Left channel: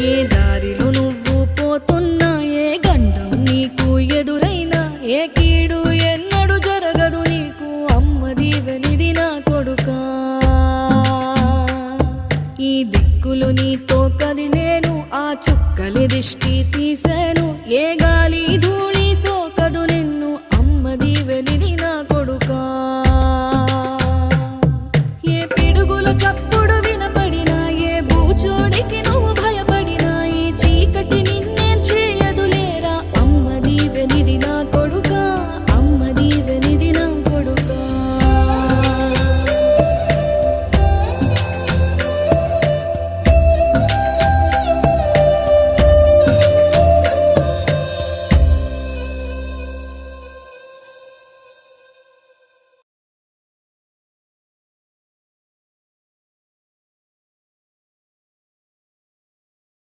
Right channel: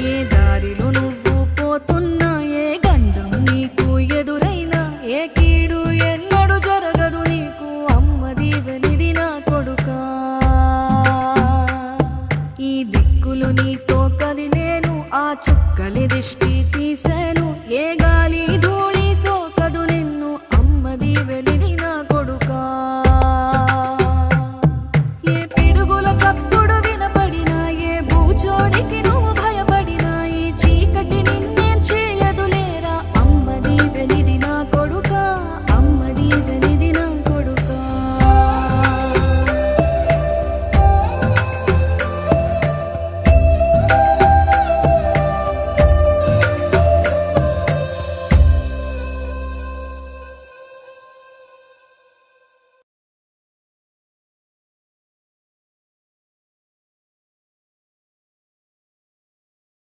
ఏ దారిలో నువ్వు పోతున్నా, ఏ గండం నీకు ఎదురైనా, ఏ కీడు ఎన్నడు జరగదు నీకు, అమ్మ దీవెనిది నా కొడుకా. ఈ దిక్కులు నీతో కదిలేను, ఆ చుక్కలి దిష్టి తీసేను, ఏ గాలి ధూళి సోకదు నిన్ను, అమ్మ దీవెనిది నా కొడుకా.